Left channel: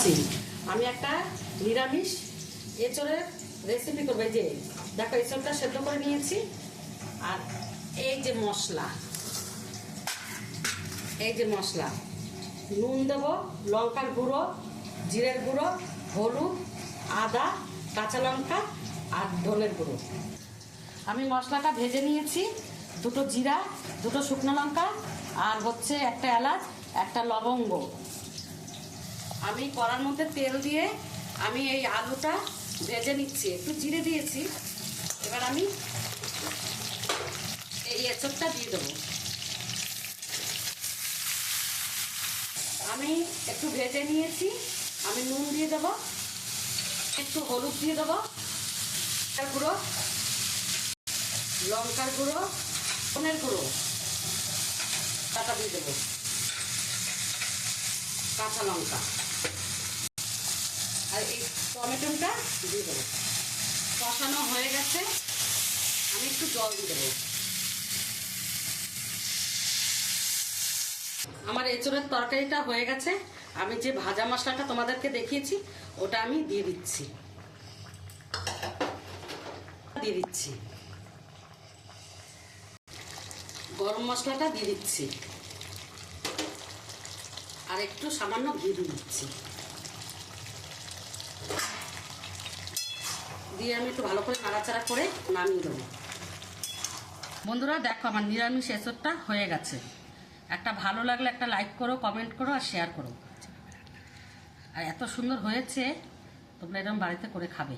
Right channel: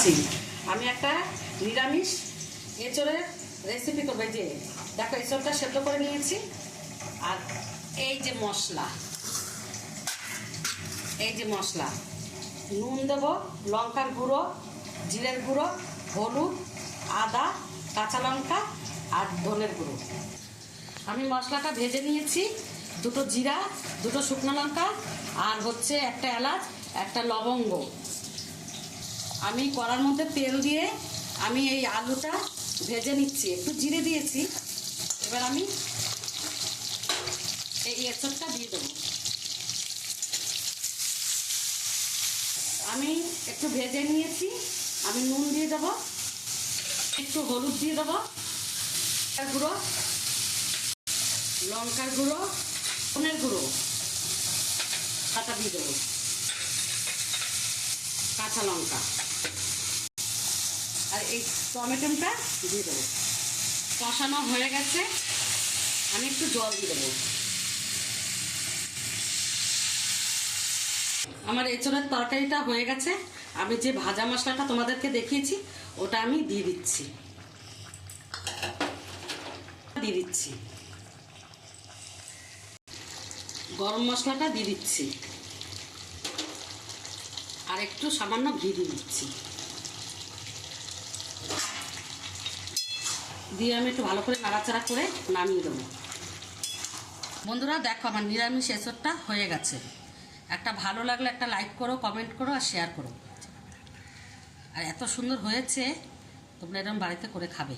আছি। আমি একটা নিরামিষ এঁচড়ের রেসিপি করবো। এই যে দেখো, এঁচড়টা সেদ্ধ করে নিয়েছি। আর এই যে মশলা, এই যে মশলা, নুন দেবো, লঙ্কার গুঁড়ো, জিরের গুঁড়ো, হলুদ, আদা, কাঁচা লঙ্কা আর ধনের গুঁড়ো। আমি মশলাটা ভেজে নিয়েছি। দুটো জিরা, দুটো শুকনো লঙ্কা আর হচ্ছে একটা এলাচ, একটা লবঙ্গ। আমি কড়ার মধ্যে তেল দিয়ে আমি এই আলুটা ভেজে নিচ্ছি। একটু জিরে দিয়েছি। এবার আমি এই এঁচড়টা দিয়ে দেবো। আমি একটু ভেজে নিয়েছি। আমি নুন দিয়ে দেবো, একটু হলুদ দিয়ে দেবো, গুঁড়ো, লঙ্কার গুঁড়ো, ধনের গুঁড়ো পাতা দিয়ে দেবো, কাঁচা লঙ্কা আর এই টমেটোটা দিয়ে দেবো। কষানো হয়ে গেছে। আমি একটু জল দিয়ে দেবো। আমার এঁচড়ের তরকারিটা হয়ে গেছে। আমি যে ভাজা মশলাটা তোমাদেরকে দেখিয়েছি ওটা আমি দিয়ে দিচ্ছি। গরম মশলাটা দিয়ে দিচ্ছি আর একটু সামান্য ঘি দিয়ে দিচ্ছি। দিয়ে আমি একটু ভালো করে নাড়াচাড়া করে নামিয়ে দেবো। বন্ধুরা দেখো, আমার নিরামিষ এঁচড়টা হয়ে গেছে। একটা ভালো লাগলে একটা লাইক করো, কমেন্ট করো আর শেয়ার করো। আর এত সুন্দর হয়েছে, তোমরা এরকম বাড়িতে করে খাবে।